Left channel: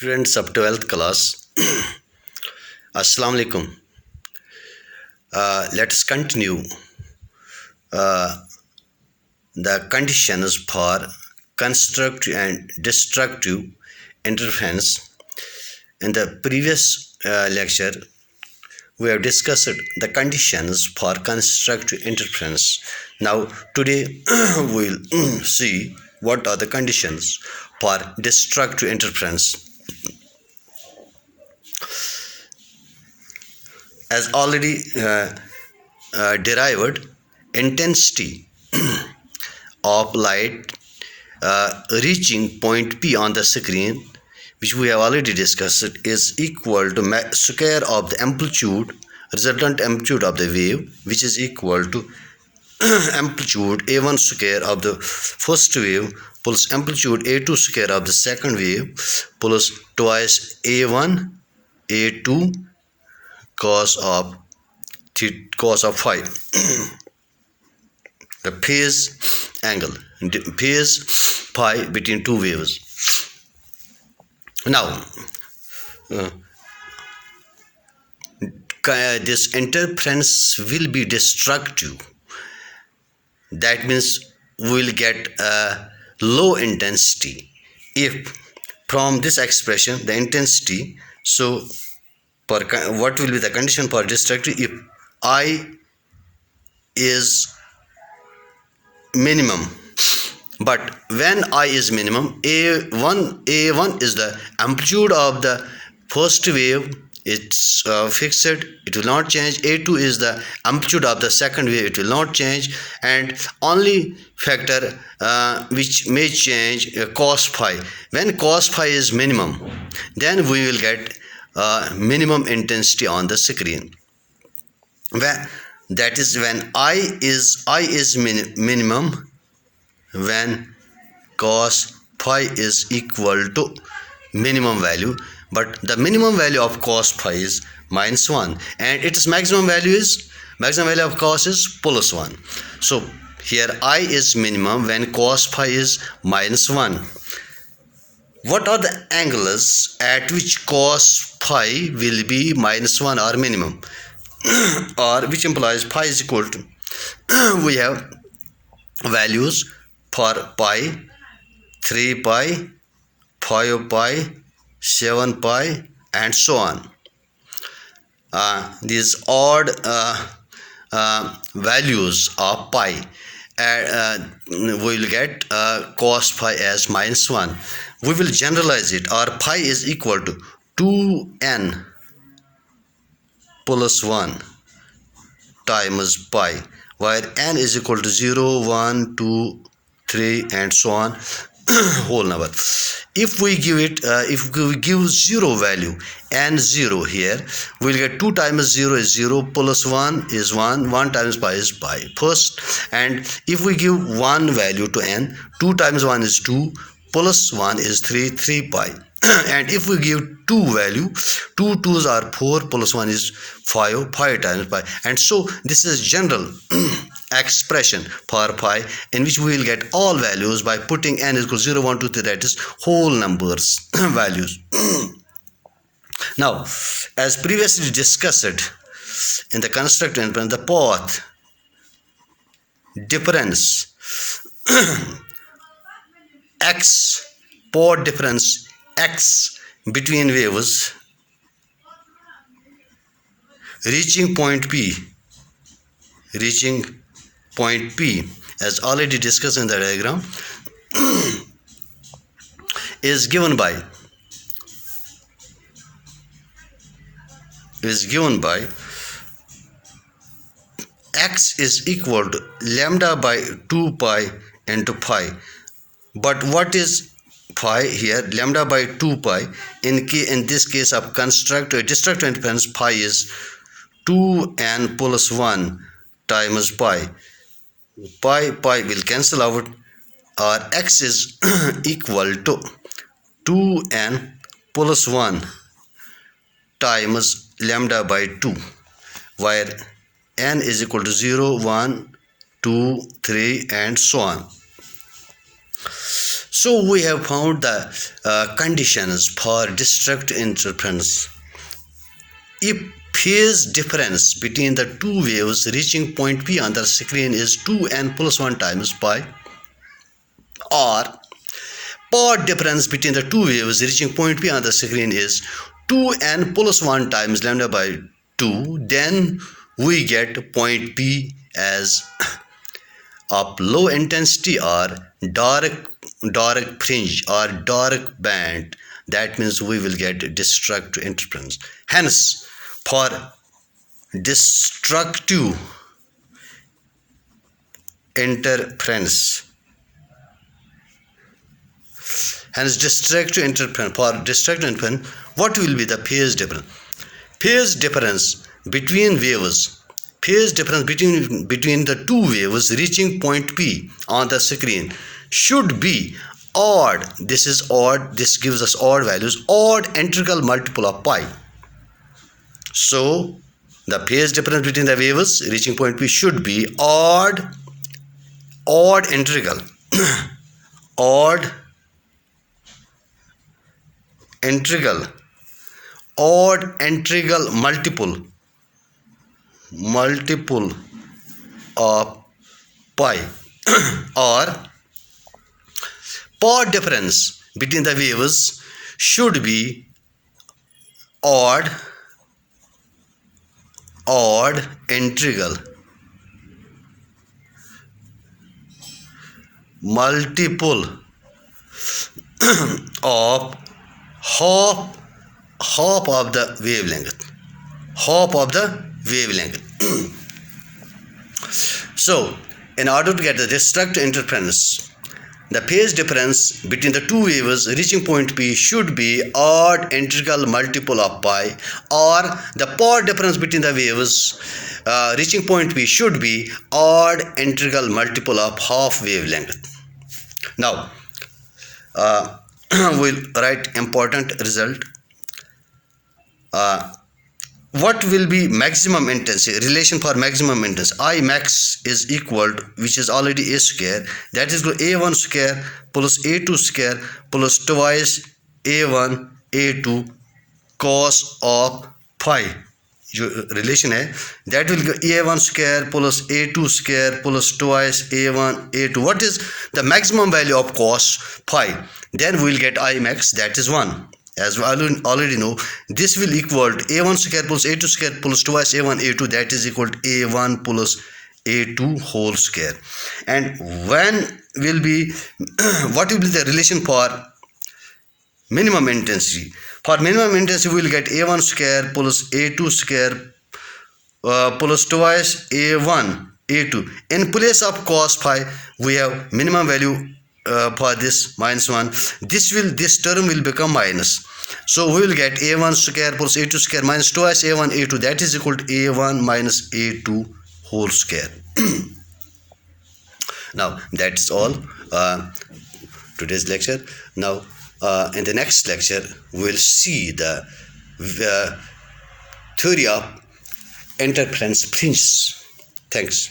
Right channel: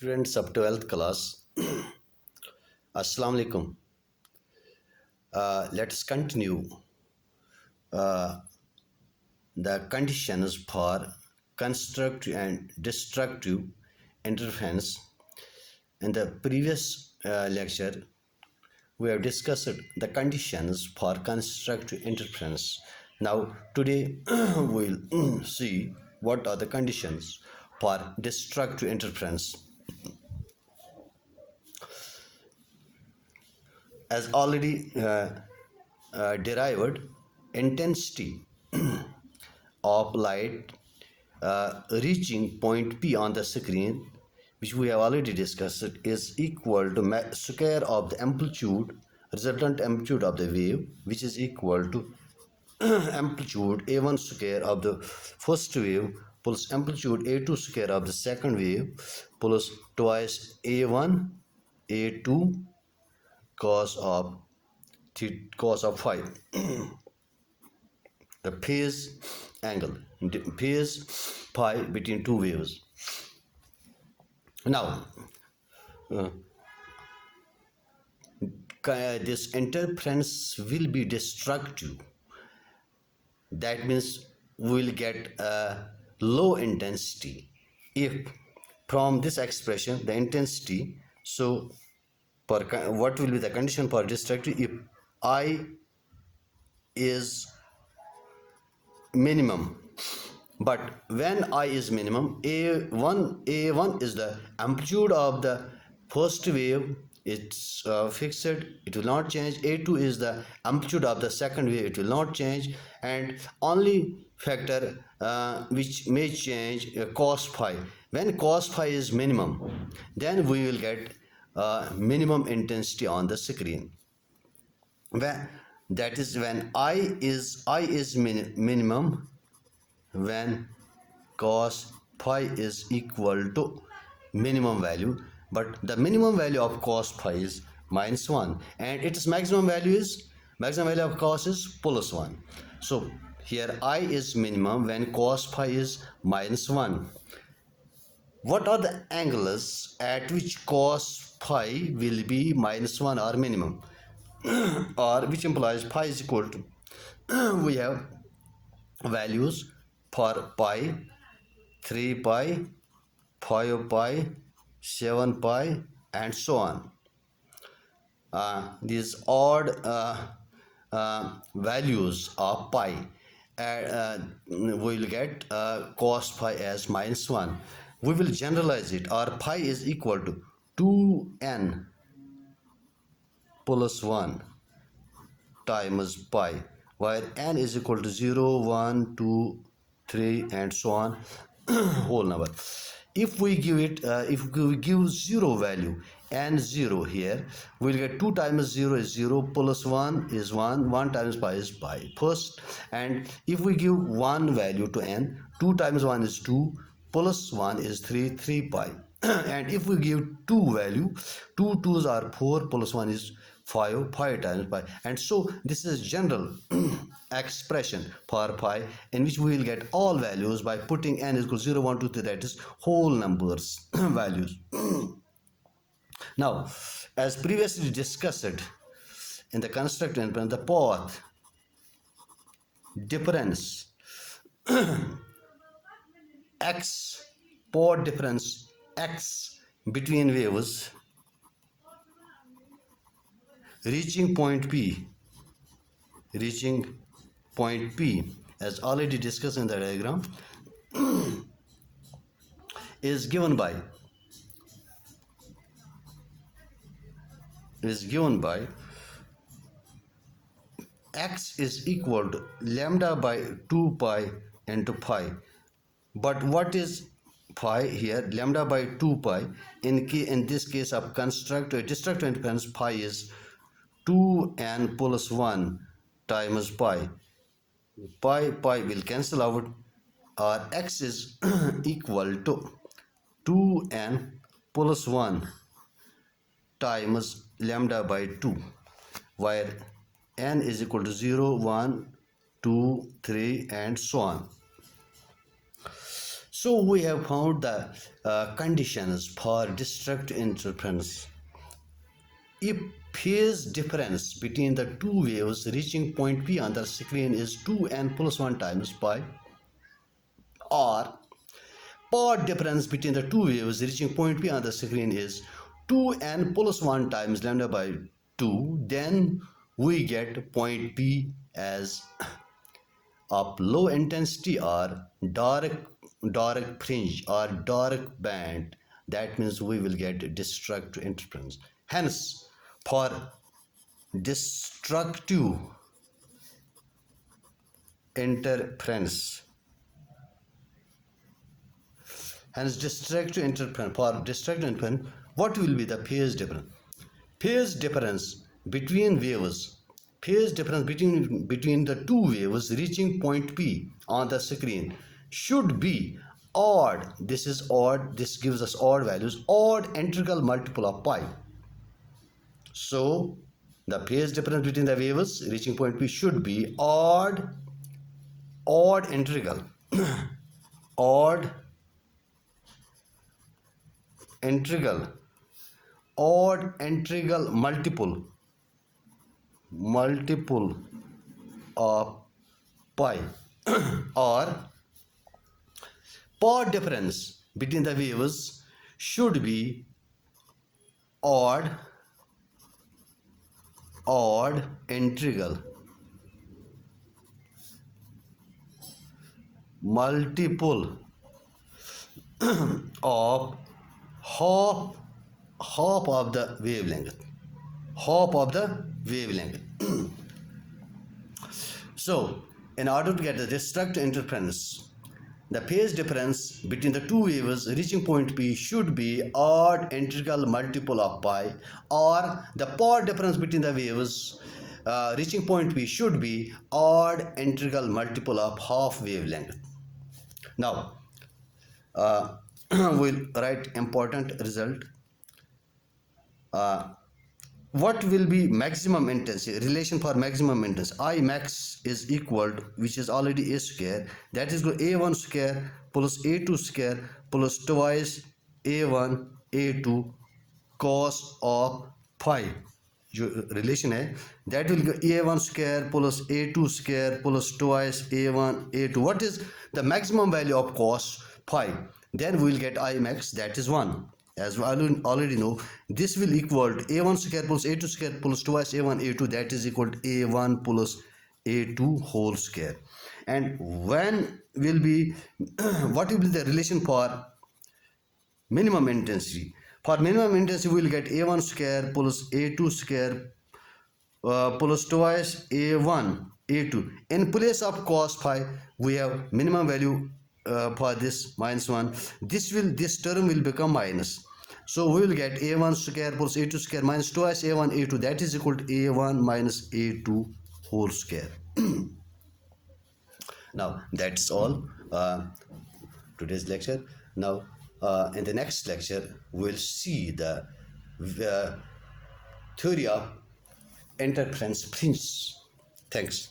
Students of 12th class, Assalamu alaikum. Let us continue the conditions for constructive and destructive interference. In the previous lecture, we have discussed the conditions for constructive interference. Now, today we will see what are the conditions for destructive interference. As already derived, intensity of light reaching point P on the screen, which we have already discussed, is equal to square of the amplitude, resultant amplitude of the wave, which is equal to amplitude A1 square of the first wave plus amplitude A2 square of the second wave plus twice A1 A2 cos of phi. The phase angle, phase phi between two waves. Now, this interference will be destructive. That means we will get a low intensity if from this expression the intensity. So what will be the condition for destructive? If I is minimum, but when I is minimum, A1 is the amplitude of the first wave, it's fixed, it will not change. A2 is the amplitude of the second wave, it will not change, and only factor which may change cos phi. When cos phi is minimum, then we will get minimum intensity on the screen. That is when I is minimum, when cos phi is equal to minimum value, but the minimum value of cos phi is -1, and its maximum value of cos is +1. So here I is minimum when cos phi is -1. What are the angles at which cos phi will be -1 or minimum, or which implies phi is equal to, we have values for pi, 3 pi, 5 pi, 7 pi, and so on. These odd values of pi, we will get cos phi as -1. We will generalize it. Our pi is equal to 2n plus 1 times pi, where n is equal to 0, 1, 2, 3, and so on, whole number. If we give it, if we give 0 value, n 0 here, we will get 2 times 0 is 0, plus 1 is 1, 1 times pi is pi first. And if we give 1 value to n, 2 times 1 is 2, plus 1 is 3, 3 pi. And if we give 2 value, 2 2s are 4, plus 1 is 5, 5 times pi. And so this is general expression for pi, in which we will get all values by putting n is equal to 0, 1, 2, 3, that is whole numbers values. Now, as previously discussed in the constructive interference, the path difference x, path difference x between waves reaching point P, as already discussed in the diagram, is given by x is equal to lambda by 2 pi into phi. But what is phi here? Lambda by 2 pi. In this case of destructive interference, pi is 2n plus 1 times pi. Pi will cancel out. Our x is equal to 2n plus 1 times lambda by 2, where n is equal to 0, 1, 2, 3, and so on. So we have found the conditions for district interference. If phase difference between the two waves reaching point P on the screen is 2n plus 1 times pi, or path difference between the two waves reaching point P on the screen is 2n plus 1 times lambda by 2, then we get point P as of low intensity or dark fringe or dark band. That means we will get destructive interference. Hence, for destructive interference, what will be the phase difference? Phase difference between the two waves reaching point P on the screen should be odd. This is odd. This gives us odd values. Odd integral multiple of pi. So the phase difference between the waves reaching point P should be odd integral multiple of pi, or path difference between the waves should be odd integral multiple of half of the wavelength. So in order to get the destructive interference, the phase difference between the two waves reaching point P should be odd integral multiple of pi, or the path difference between the waves reaching point P should be odd integral multiple of half wavelength. Now we'll write important result. What will be maximum intensity? Relation for maximum intensity. I max is equal to, which is already a square, that is a1 square plus a2 square plus twice a1 a2 cos of phi. जो relation है, that will go a1 square plus a2 square plus twice a1 a2. What is the maximum value of cos phi? Then we will get I max, that is 1. As we already know, this will equal to a1 square plus a2 square plus twice a1 a2, that is equal to a1 plus a2 whole square. And when will be what will be the relation for minimum intensity? For minimum intensity, we will get a1 square plus a2 square plus twice a1 a2. In place of cos phi, we have minimum value for this -1. This term will become minus. So we will get a1 square plus a2 square minus twice a1 a2, that is equal to a1 minus a2 whole square. Now that is all today's lecture. Now in the next lecture we will see the theory of interference fringes. Thanks.